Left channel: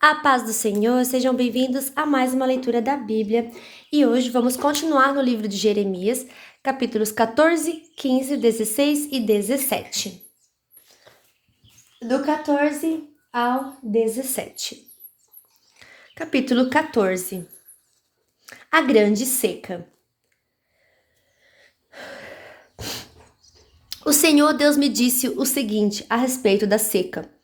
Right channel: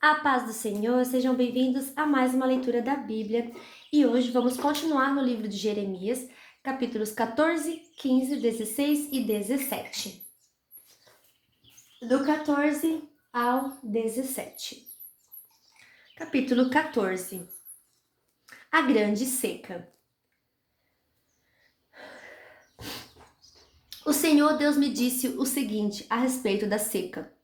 A paz do Senhor, sejam bem-vindos a mais uma leitura da Bíblia. E hoje vamos continuar no livro de Jeremias, capítulos 14, 15, 16 e 17. Do 14 ao 17. Capítulo 14. A grande seca. O Senhor Deus me disse o seguinte a respeito da seca.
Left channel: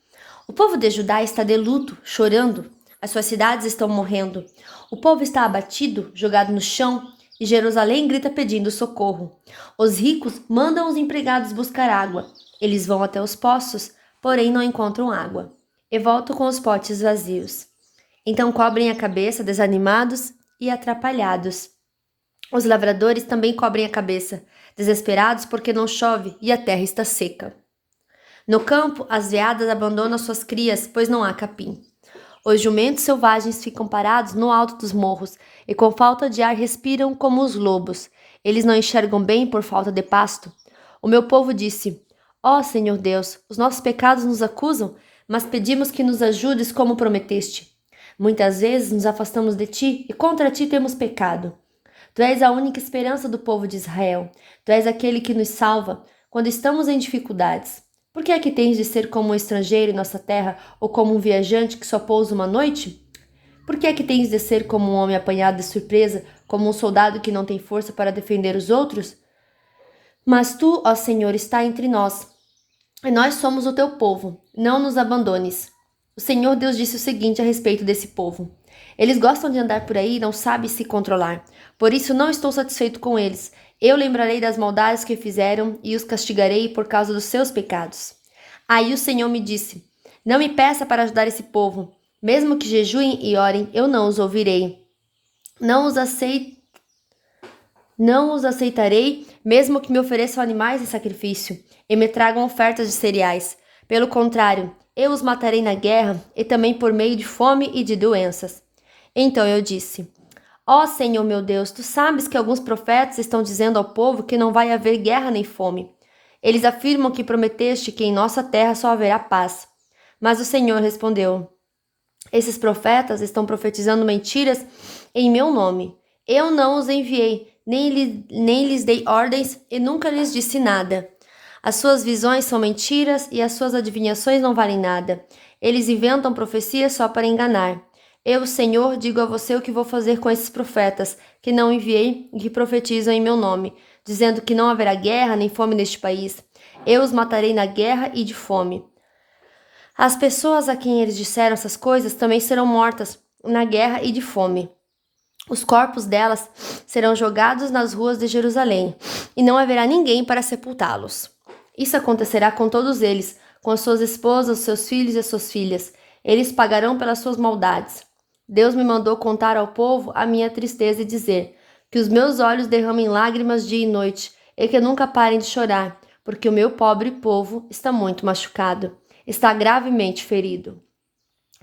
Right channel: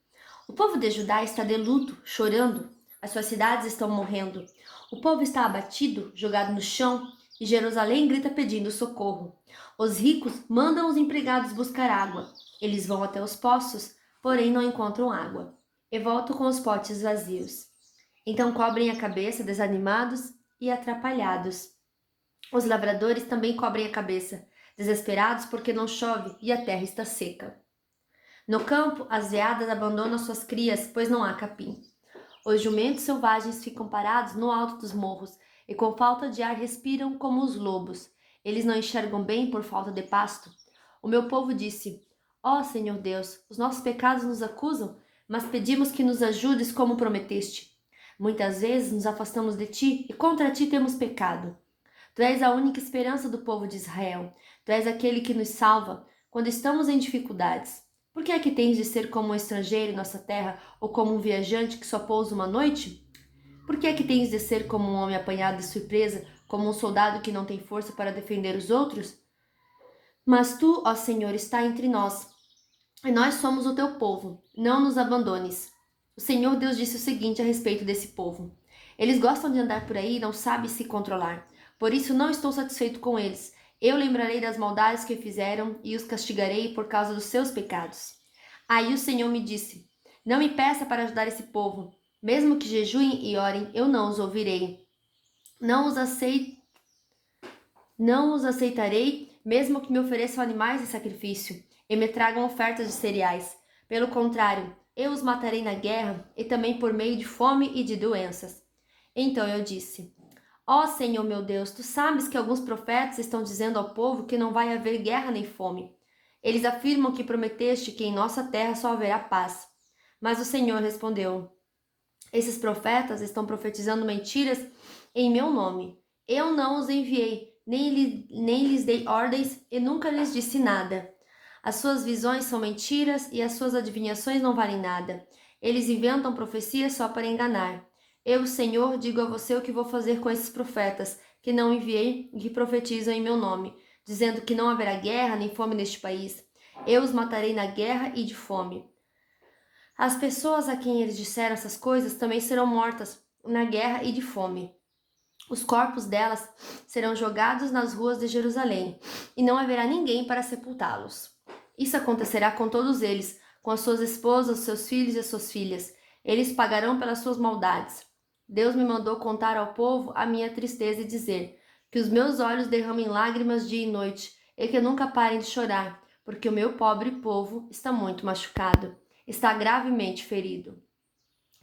O povo de Judá está de luto, chorando. As suas cidades estão morrendo. O povo está abatido, jogado no chão, e Jerusalém grita pedindo socorro. Os ricos mandam os empregados buscar água. Eles vão até os poços, porém não encontram água. E voltam com os potes vazios. Então cobrem a cabeça, desanimados e atrapalhados. Os lavradores também cobrem a cabeça, desesperados porque não chove e a terra está seca. No campo, as veadas abandonam suas crias, pois não há capim. Os jumentos selvagens ficam parados no alto dos morros e com falta de ar respiram como os lobos. Eles não enxergam bem por falta de pasto. O meu povo disse: Ó Senhor Deus, os nossos pecados nos acusam, mas pedimos que nos ajudes como prometeste. Muitas vezes nos afastamos de ti e contra ti temos pecado. Tu és a única esperança do povo de Israel. Tu és aquele que nos salva quando estamos em dificuldades. Por que é que tens de ser como um estrangeiro em nossa terra ou como um viajante que só pousa uma noite? Por que é que tens de ser como um homem apanhado de surpresa, como um soldado que não tem força para defender os outros? Mas tu, ó Senhor, está entre nós, e nós somos o teu povo. Não nos abandones. O Senhor Deus disse o seguinte a respeito desse povo. Eles gostam de andar por aí e não sabem se controlar. Por isso não estou satisfeito com eles. Eu lembrarei das maldades que fizeram e os castigarei por causa dos seus pecados. Aí o Senhor me disse: Não me peça para ajudar esse povo. Mesmo que jejuem e orem, eu não os ouvirei. Não os aceitarei, mesmo que me ofereçam animais em sacrifício e me tragam ofertas de cereais. Pelo contrário, eu os matarei na guerra e também por meio de fome e de doenças. Então eu disse: Ó Senhor meu Deus, tu sabes que alguns profetas estão dizendo ao povo que não vai haver guerra nem fome. Eles afirmam que prometeste que em nossa terra só haverá paz. Mas o Senhor respondeu: Esses profetas estão profetizando mentiras em meu nome. Eu não os enviei, nem lhes dei ordens e nunca lhes disse nada. As suas visões são mentiras e as suas adivinhações não valem nada. Eles inventam profecias só para enganar. Eu, Senhor, digo a você o que vou fazer com esses profetas, que não enviei e que profetizam em meu nome, dizendo que não haverá guerra nem fome neste país. Eu os matarei na guerra e de fome. As pessoas a quem eles disseram essas coisas também serão mortas na guerra e de fome. Os corpos delas serão jogados nas ruas de Jerusalém, e não haverá ninguém para sepultá-los. Isso acontecerá com todos eles, com as suas esposas, os seus filhos e as suas filhas. Eles pagarão pelas suas maldades. Deus me mandou contar ao povo a minha tristeza e dizer: que os meus olhos derramem lágrimas dia e noite, e que nunca parem de chorar, porque o meu pobre povo está muito machucado, está gravemente ferido.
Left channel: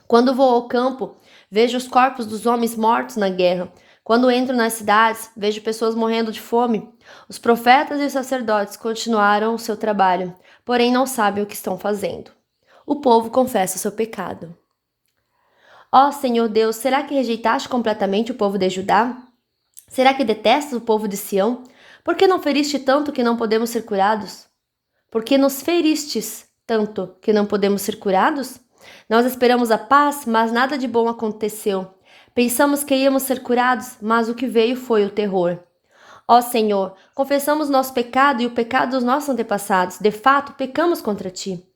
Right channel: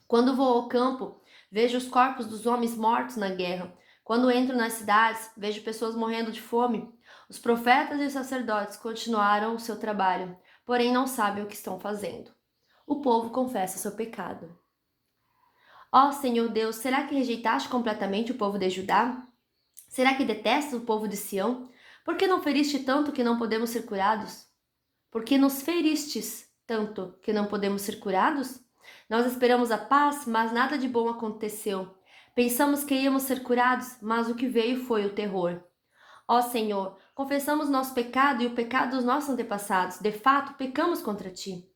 Quando vou ao campo, vejo os corpos dos homens mortos na guerra. Quando entro nas cidades, vejo pessoas morrendo de fome. Os profetas e os sacerdotes continuaram o seu trabalho, porém não sabem o que estão fazendo. O povo confessa o seu pecado. Ó Senhor Deus, será que rejeitaste completamente o povo de Judá? Será que detestas o povo de Sião? Por que não feriste tanto que não podemos ser curados? Por que nos feristes tanto que não podemos ser curados? Nós esperamos a paz, mas nada de bom aconteceu. Pensamos que íamos ser curados, mas o que veio foi o terror. Ó Senhor, confessamos nosso pecado e o pecado dos nossos antepassados. De fato, pecamos contra ti.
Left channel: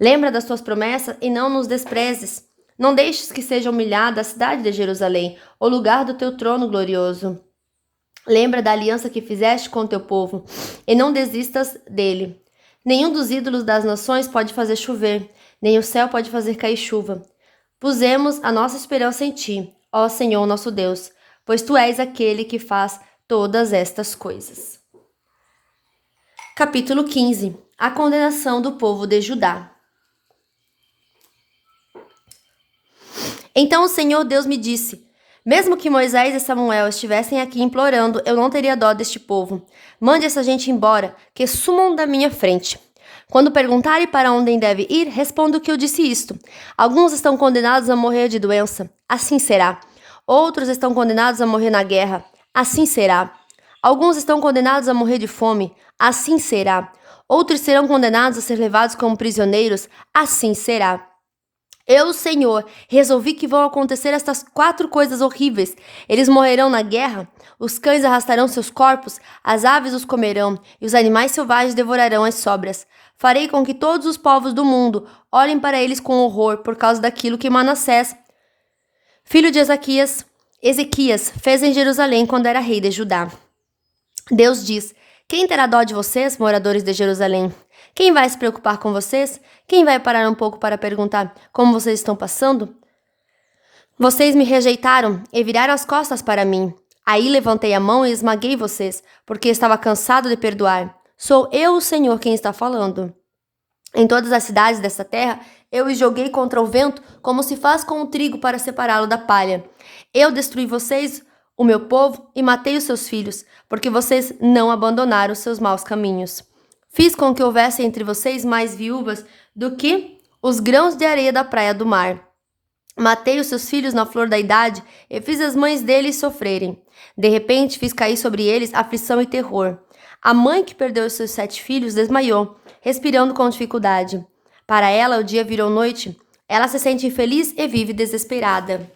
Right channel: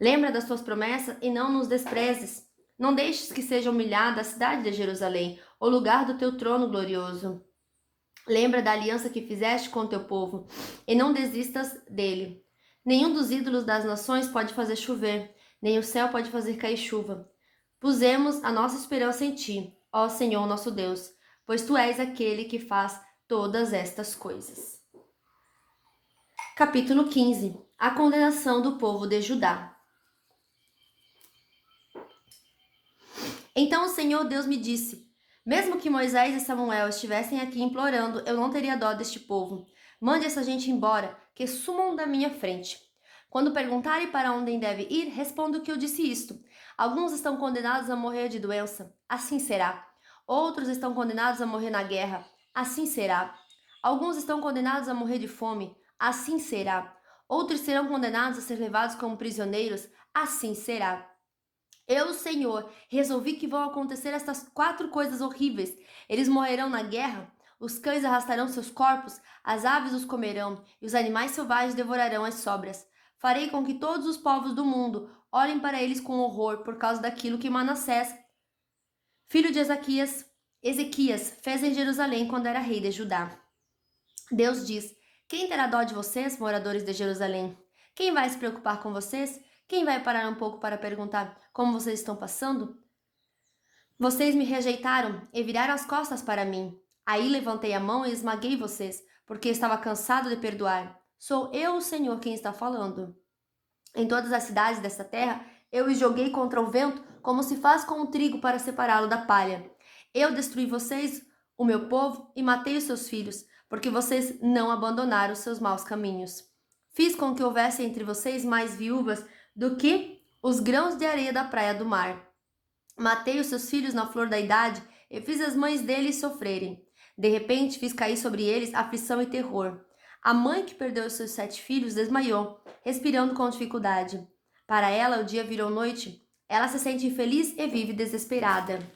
Lembra das tuas promessas e não nos desprezes. Não deixes que seja humilhada a cidade de Jerusalém, o lugar do teu trono glorioso. Lembra da aliança que fizeste com o teu povo, e não desistas dele. Nenhum dos ídolos das nações pode fazer chover, nem o céu pode fazer cair chuva. Pusemos a nossa esperança em ti, ó Senhor nosso Deus, pois tu és aquele que faz todas estas coisas. Capítulo 15. A condenação do povo de Judá. Então o Senhor Deus me disse: mesmo que Moisés e Samuel estivessem aqui implorando, eu não teria dó deste povo. Mande essa gente embora, que sumam da minha frente. Quando perguntarem para onde deve ir, respondo que eu disse isto. Alguns estão condenados a morrer de doença. Assim será. Outros estão condenados a morrer na guerra. Assim será. Alguns estão condenados a morrer de fome. Assim será. Outros serão condenados a ser levados como prisioneiros. Assim será. Eu, Senhor, resolvi que vão acontecer estas 4 coisas horríveis. Eles morrerão na guerra, os cães arrastarão seus corpos, as aves os comerão, e os animais selvagens devorarão as sobras. Farei com que todos os povos do mundo olhem para eles com horror por causa daquilo que Manassés, filho de Ezequias, fez em Jerusalém quando era rei de Judá. Deus diz: quem terá dó de vocês, moradores de Jerusalém? Quem vai se preocupar com vocês? Quem vai parar um pouco para perguntar como vocês estão passando? Vocês me rejeitaram e viraram as costas para mim. Aí levantei a mão e esmaguei vocês, porque estava cansado de perdoar. Sou eu, o Senhor, quem está falando. Em todas as cidades desta terra, eu os joguei contra o vento, como se faz com o trigo para separá-lo da palha. Eu destruí vocês, o meu povo, e matei os seus filhos, porque vocês não abandonaram os seus maus caminhos. Fiz com que houvesse entre vocês mais viúvas do que os grãos de areia da praia do mar. Matei os seus filhos na flor da idade e fiz as mães deles sofrerem. De repente fiz cair sobre eles aflição e terror. A mãe que perdeu os seus 7 filhos desmaiou, respirando com dificuldade. Para ela o dia virou noite. Ela se sente infeliz e vive desesperada.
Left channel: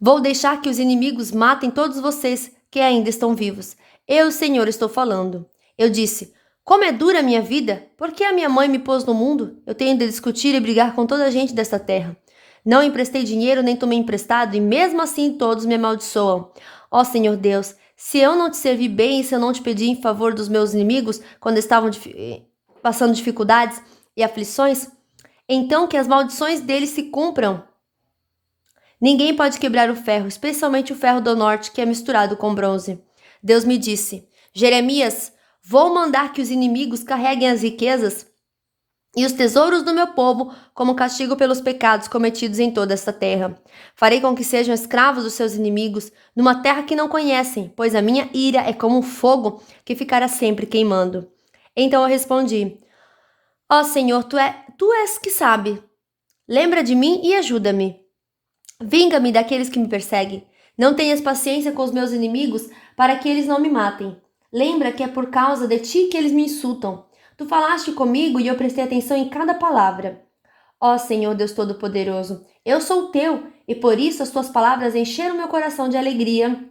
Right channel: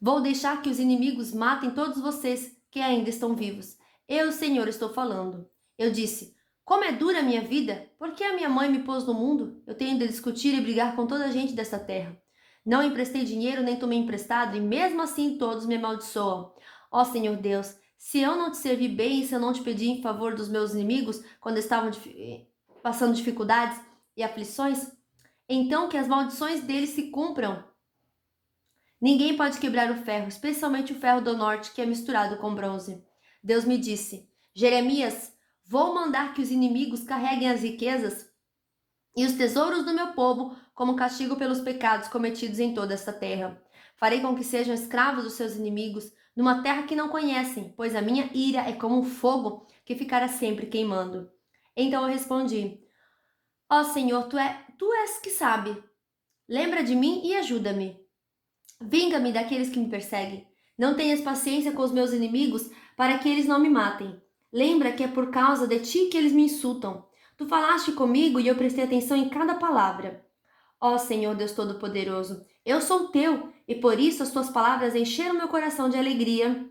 Vou deixar que os inimigos matem todos vocês que ainda estão vivos. Eu, Senhor, estou falando. Eu disse: como é dura a minha vida? Por que a minha mãe me pôs no mundo? Eu tenho de discutir e brigar com toda a gente desta terra. Não emprestei dinheiro nem tomei emprestado, e mesmo assim todos me amaldiçoam. Ó Senhor Deus, se eu não te servi bem e se eu não te pedi em favor dos meus inimigos quando estavam passando dificuldades e aflições, então que as maldições deles se cumpram. Ninguém pode quebrar o ferro, especialmente o ferro do norte, que é misturado com bronze. Deus me disse: Jeremias, vou mandar que os inimigos carreguem as riquezas e os tesouros do meu povo como castigo pelos pecados cometidos em toda esta terra. Farei com que sejam escravos dos seus inimigos, numa terra que não conhecem, pois a minha ira é como um fogo que ficará sempre queimando. Então eu respondi: ó Senhor, tu és que sabe. Lembra de mim e ajuda-me. Vinga-me daqueles que me perseguem. Não tenhas paciência com os meus inimigos para que eles não me matem. Lembra que é por causa de ti que eles me insultam. Tu falaste comigo e eu prestei atenção em cada palavra. Ó Senhor Deus Todo-Poderoso, eu sou teu e por isso as tuas palavras encheram meu coração de alegria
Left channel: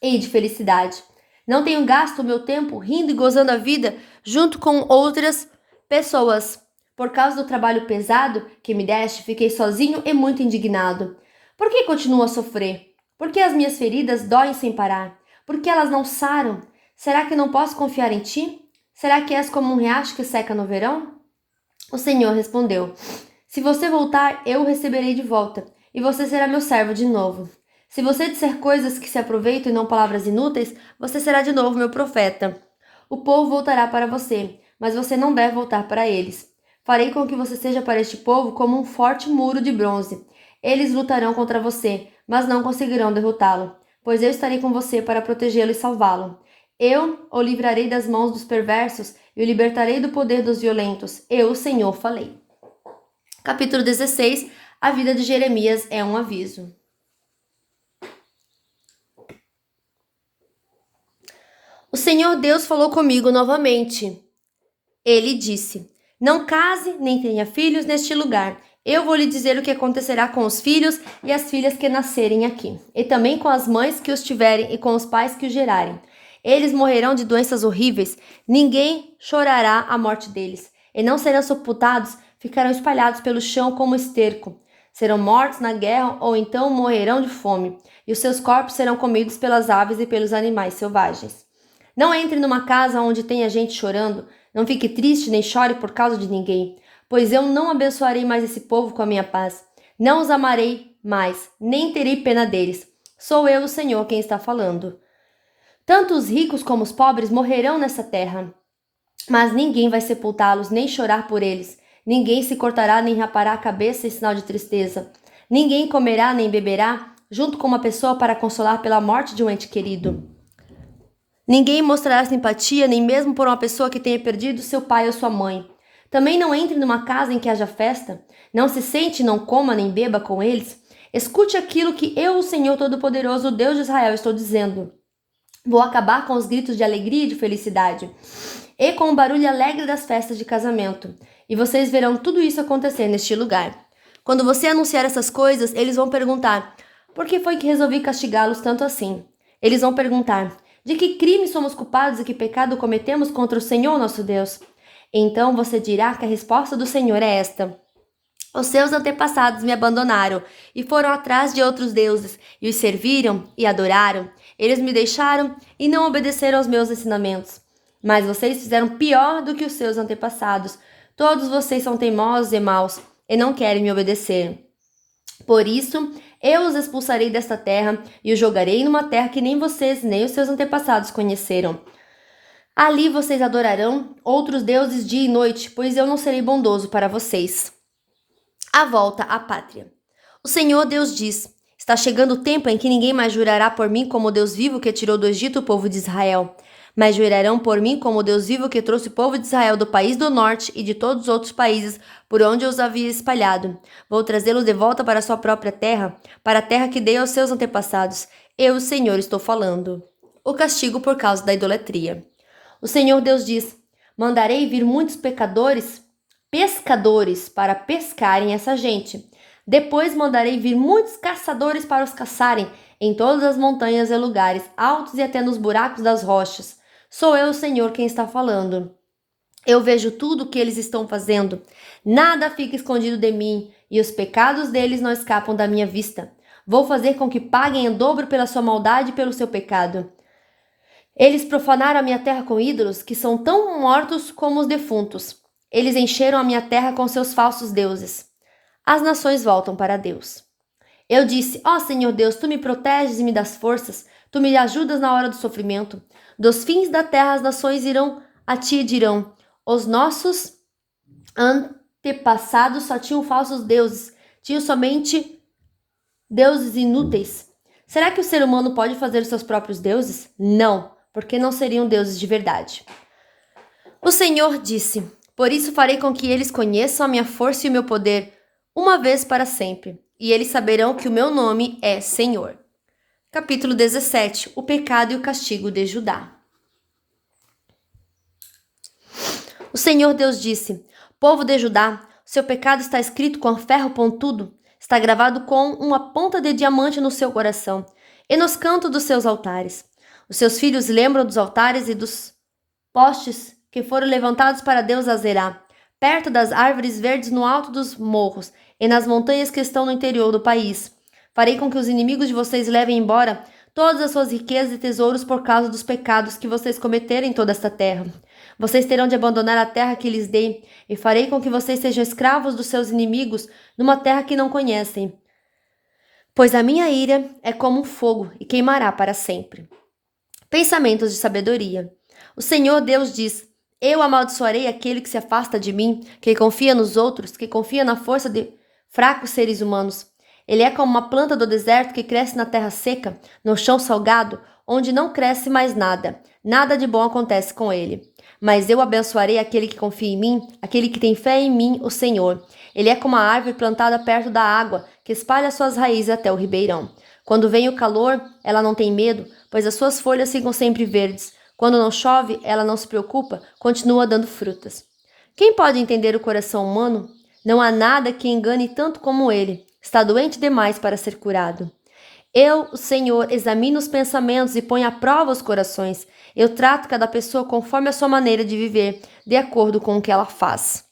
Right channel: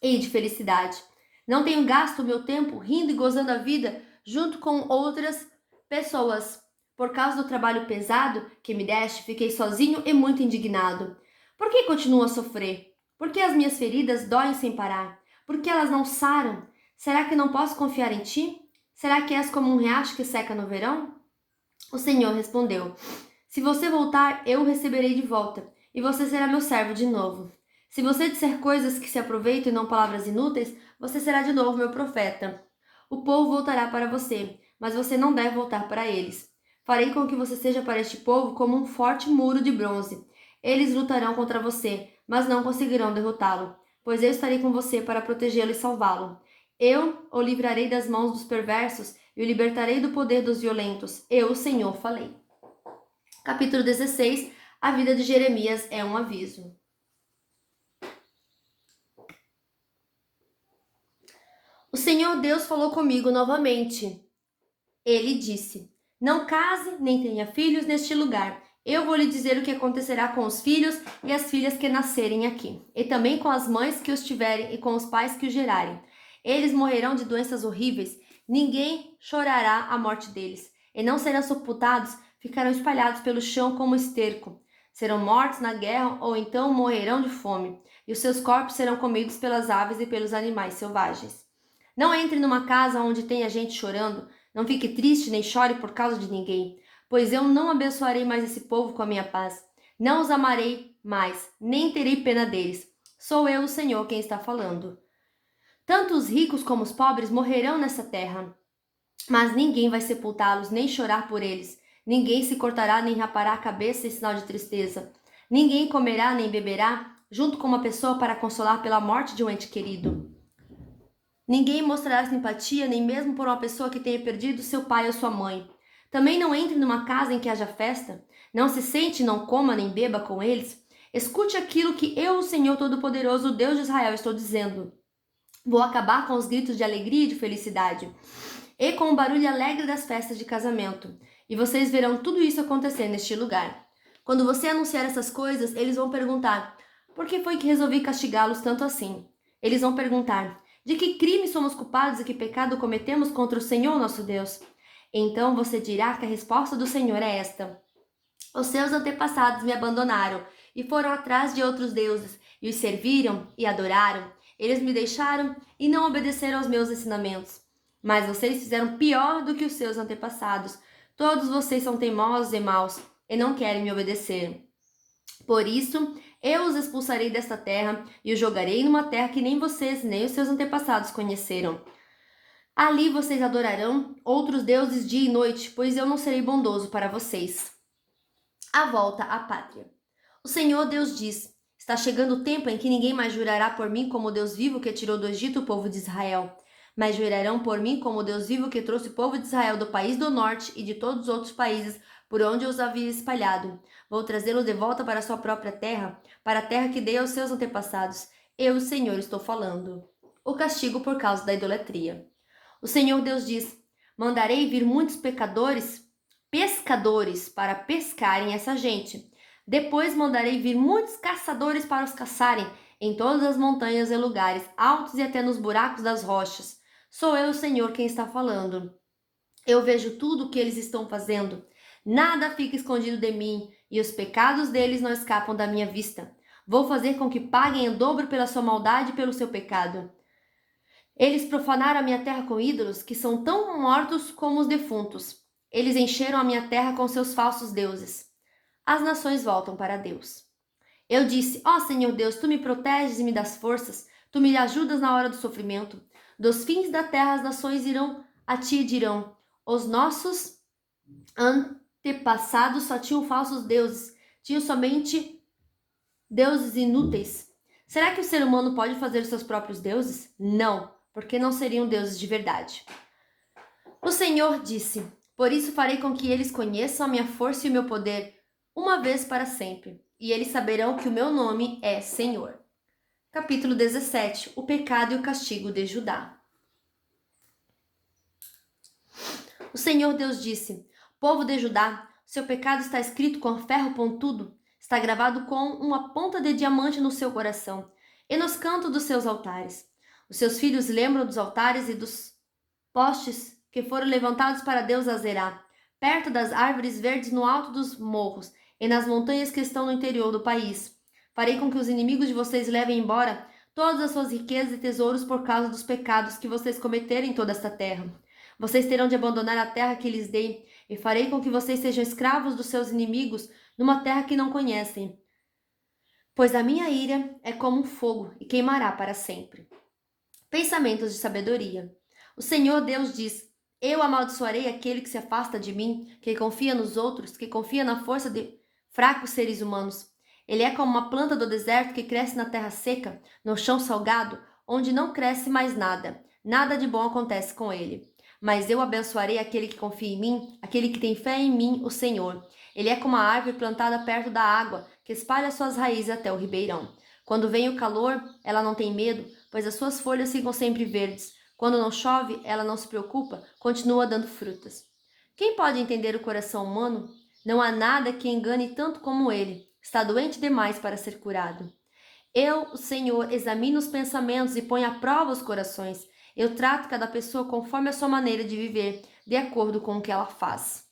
e de felicidade. Não tenho gasto o meu tempo rindo e gozando a vida junto com outras pessoas. Por causa do trabalho pesado que me deste, fiquei sozinho e muito indignado. Por que continuo a sofrer? Por que as minhas feridas doem sem parar? Por que elas não saram? Será que não posso confiar em ti? Será que és como um riacho que seca no verão? O Senhor respondeu: se você voltar, eu o receberei de volta, e você será meu servo de novo. Se você disser coisas que se aproveitam e não palavras inúteis, você será de novo meu profeta. O povo voltará para você, mas você não deve voltar para eles. Farei com que você seja para este povo como um forte muro de bronze. Eles lutarão contra você, mas não conseguirão derrotá-lo, pois eu estarei com você para protegê-lo e salvá-lo. Eu o livrarei das mãos dos perversos e o libertarei do poder dos violentos. Eu, o Senhor, falei. Capítulo 16. A vida de Jeremias é um aviso. O Senhor Deus falou comigo novamente. Ele disse: não case nem tenha filhos neste lugar. Eu vou lhe dizer o que acontecerá com os filhos e as filhas que nascerem aqui, e também com as mães que os tiverem e com os pais que os gerarem. Eles morrerão de doenças horríveis, ninguém chorará a morte deles, e não serão sepultados, ficarão espalhados pelo chão como esterco. Serão mortos na guerra ou então morrerão de fome, e os seus corpos serão comidos pelas aves e pelos animais selvagens. Não entre numa casa onde tenha gente chorando, não fique triste nem chore por causa de ninguém, pois eu não abençoarei mais esse povo com a minha paz. Não os amarei mais, nem terei pena deles. Sou eu, o Senhor, quem está falando. Tanto os ricos como os pobres morrerão nessa terra, mas ninguém vai sepultá-los nem chorar por eles. Ninguém se cortará nem rapará a cabeça em sinal de tristeza. Ninguém comerá nem beberá junto com uma pessoa para consolar pela morte de um ente querido. Ninguém mostrará simpatia, nem mesmo por uma pessoa que tenha perdido seu pai ou sua mãe. Também não entre numa casa em que haja festa. Não se sente, não coma nem beba com eles. Escute aquilo que eu, o Senhor Todo-Poderoso, o Deus de Israel, estou dizendo. Vou acabar com os gritos de alegria e de felicidade, e com o barulho alegre das festas de casamento. E vocês verão tudo isso acontecer neste lugar. Quando você anunciar essas coisas, eles vão perguntar: por que foi que resolvi castigá-los tanto assim? Eles vão perguntar: de que crime somos culpados e que pecado cometemos contra o Senhor nosso Deus? Então você dirá que a resposta do Senhor é esta: os seus antepassados me abandonaram e foram atrás de outros deuses e os serviram e adoraram. Eles me deixaram e não obedeceram aos meus ensinamentos. Mas vocês fizeram pior do que os seus antepassados. Todos vocês são teimosos e maus e não querem me obedecer. Por isso, eu os expulsarei desta terra e os jogarei numa terra que nem vocês nem os seus antepassados conheceram. Ali vocês adorarão outros deuses dia e noite, pois eu não serei bondoso para vocês. A volta à pátria. O Senhor Deus diz: está chegando o tempo em que ninguém mais jurará por mim como o Deus vivo que tirou do Egito o povo de Israel, mas jurarão por mim como o Deus vivo que trouxe o povo de Israel do país do norte e de todos os outros países por onde eu os havia espalhado. Vou trazê-los de volta para a sua própria terra, para a terra que dei aos seus antepassados. Eu, o Senhor, estou falando. O castigo por causa da idolatria. O Senhor Deus diz: mandarei vir muitos pescadores para pescarem essa gente. Depois mandarei vir muitos caçadores para os caçarem em todas as montanhas e lugares altos e até nos buracos das rochas. Sou eu, o Senhor, quem está falando. Eu vejo tudo o que eles estão fazendo. Nada fica escondido de mim, e os pecados deles não escapam da minha vista. Vou fazer com que paguem em dobro pela sua maldade e pelo seu pecado. Eles profanaram a minha terra com ídolos que são tão mortos como os defuntos. Eles encheram a minha terra com seus falsos deuses. As nações voltam para Deus. Eu disse: ó Senhor Deus, tu me proteges e me das forças, tu me ajudas na hora do sofrimento. Dos fins da terra as nações irão a ti e dirão: os nossos antepassados só tinham falsos deuses, tinham somente deuses inúteis. Será que o ser humano pode fazer seus próprios deuses? Não, porque não seriam deuses de verdade. O Senhor disse: por isso farei com que eles conheçam a minha força e o meu poder, uma vez para sempre, e eles saberão que o meu nome é Senhor. Capítulo 17. O pecado e o castigo de Judá. O Senhor Deus disse: povo de Judá, seu pecado está escrito com ferro pontudo, está gravado com uma ponta de diamante no seu coração e nos cantos dos seus altares. Os seus filhos lembram dos altares e dos postes que foram levantados para Deus Azerá, perto das árvores verdes no alto dos morros e nas montanhas que estão no interior do país. Farei com que os inimigos de vocês levem embora todas as suas riquezas e tesouros por causa dos pecados que vocês cometeram em toda esta terra. Vocês terão de abandonar a terra que lhes dei, e farei com que vocês sejam escravos dos seus inimigos numa terra que não conhecem. Pois a minha ira é como um fogo e queimará para sempre. Pensamentos de sabedoria. O Senhor Deus diz: eu amaldiçoarei aquele que se afasta de mim, que confia nos outros, que confia na força de fracos seres humanos. Ele é como uma planta do deserto que cresce na terra seca, no chão salgado, onde não cresce mais nada. Nada de bom acontece com ele. Mas eu abençoarei aquele que confia em mim, aquele que tem fé em mim, o Senhor. Ele é como a árvore plantada perto da água, que espalha suas raízes até o ribeirão. Quando vem o calor, ela não tem medo, pois as suas folhas ficam sempre verdes. Quando não chove, ela não se preocupa, continua dando frutas. Quem pode entender o coração humano? Não há nada que engane tanto como ele. Está doente demais para ser curado. Eu, o Senhor, examino os pensamentos e ponho à prova os corações. Eu trato cada pessoa conforme a sua maneira de viver, de acordo com o que ela faz.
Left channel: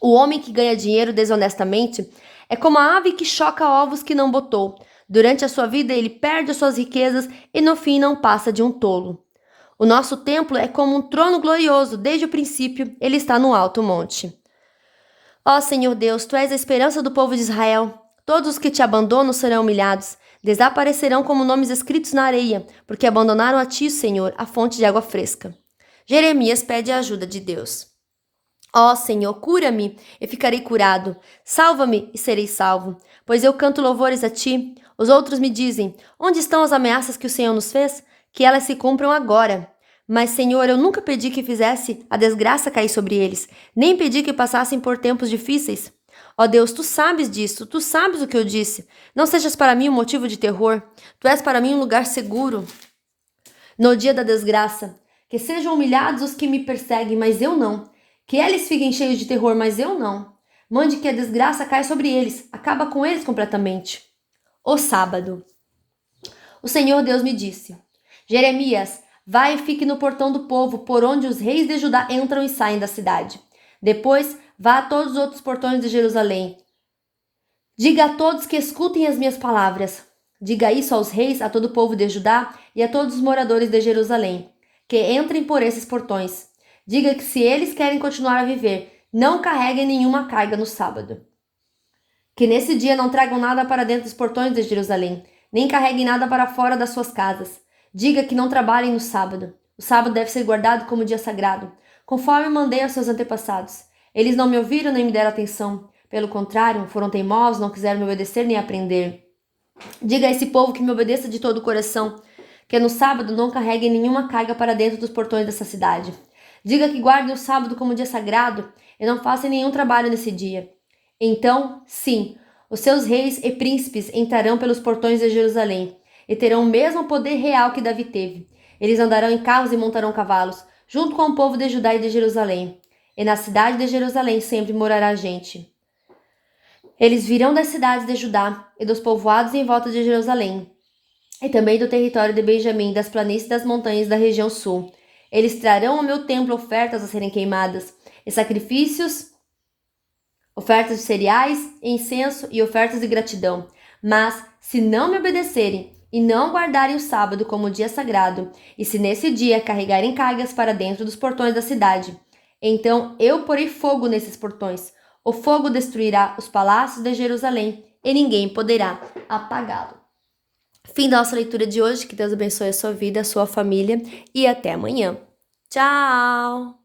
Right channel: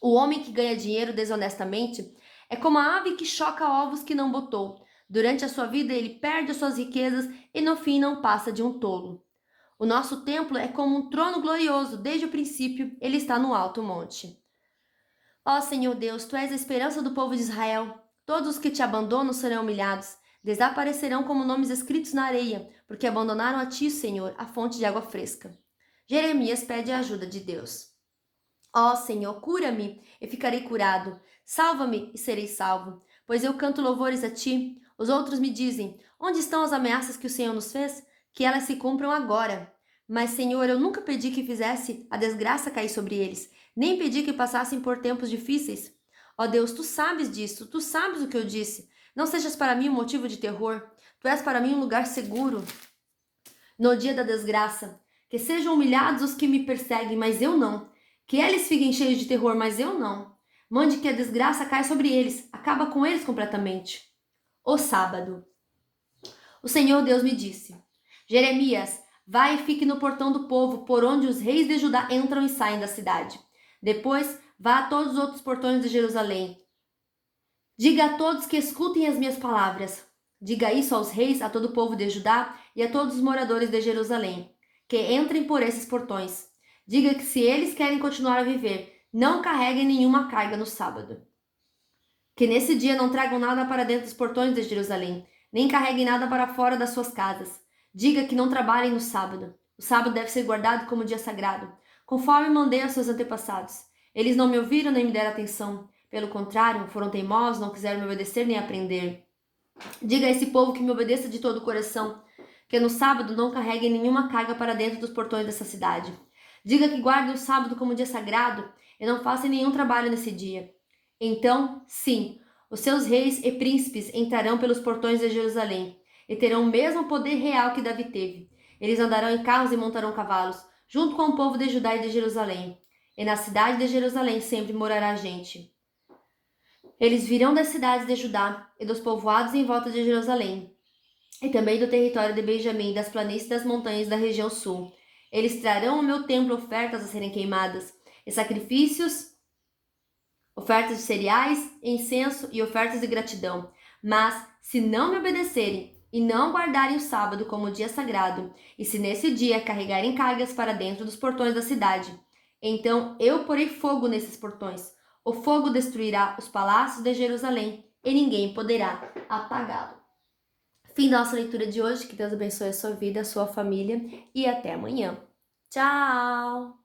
O homem que ganha dinheiro desonestamente é como a ave que choca ovos que não botou. Durante a sua vida ele perde as suas riquezas e no fim não passa de um tolo. O nosso templo é como um trono glorioso, desde o princípio ele está no alto monte. Ó Senhor Deus, tu és a esperança do povo de Israel. Todos os que te abandonam serão humilhados, desaparecerão como nomes escritos na areia, porque abandonaram a ti, Senhor, a fonte de água fresca. Jeremias pede a ajuda de Deus. Ó Senhor, cura-me e ficarei curado. Salva-me e serei salvo, pois eu canto louvores a ti. Os outros me dizem: onde estão as ameaças que o Senhor nos fez? que elas se cumpram agora. Mas, Senhor, eu nunca pedi que fizesse a desgraça cair sobre eles, nem pedi que passassem por tempos difíceis. Ó Deus, tu sabes disso, tu sabes o que eu disse. Não sejas para mim um motivo de terror, tu és para mim um lugar seguro. No dia da desgraça, que sejam humilhados os que me perseguem, mas eu não. Que eles fiquem cheios de terror, mas eu não. Mande que a desgraça caia sobre eles, acaba com eles completamente. O sábado. O Senhor Deus me disse: Jeremias, vai e fique no portão do povo, por onde os reis de Judá entram e saem da cidade. Depois, vá a todos os outros portões de Jerusalém. Diga a todos que escutem as minhas palavras. Diga isso aos reis, a todo o povo de Judá e a todos os moradores de Jerusalém, que entrem por esses portões. Diga que se eles querem continuar a viver, não carreguem nenhuma carga no sábado. Que nesse dia não tragam nada para dentro dos portões de Jerusalém, nem carreguem nada para fora das suas casas. Diga que não trabalhem no sábado. O sábado deve ser guardado como dia sagrado, conforme mandei aos seus antepassados. Eles não me ouviram nem me deram atenção. Pelo contrário, foram teimosos, não quiseram me obedecer nem aprender. Diga a esse povo que me obedeça de todo o coração, que no sábado não carreguem nenhuma carga para dentro dos portões dessa cidade. Diga que guardem o sábado como dia sagrado e não façam nenhum trabalho nesse dia. Então, sim, os seus reis e príncipes entrarão pelos portões de Jerusalém e terão o mesmo poder real que Davi teve. Eles andarão em carros e montarão cavalos, junto com o povo de Judá e de Jerusalém. E na cidade de Jerusalém sempre morará gente. Eles virão das cidades de Judá e dos povoados em volta de Jerusalém, e também do território de Benjamim, das planícies e das montanhas da região sul. Eles trarão ao meu templo ofertas a serem queimadas, e sacrifícios, ofertas de cereais, incenso e ofertas de gratidão. Mas, se não me obedecerem e não guardarem o sábado como dia sagrado, e se nesse dia carregarem cargas para dentro dos portões da cidade, então eu porei fogo nesses portões. O fogo destruirá os palácios de Jerusalém e ninguém poderá apagá-lo. Fim da nossa leitura de hoje. Que Deus abençoe a sua vida, a sua família e até amanhã. Tchau!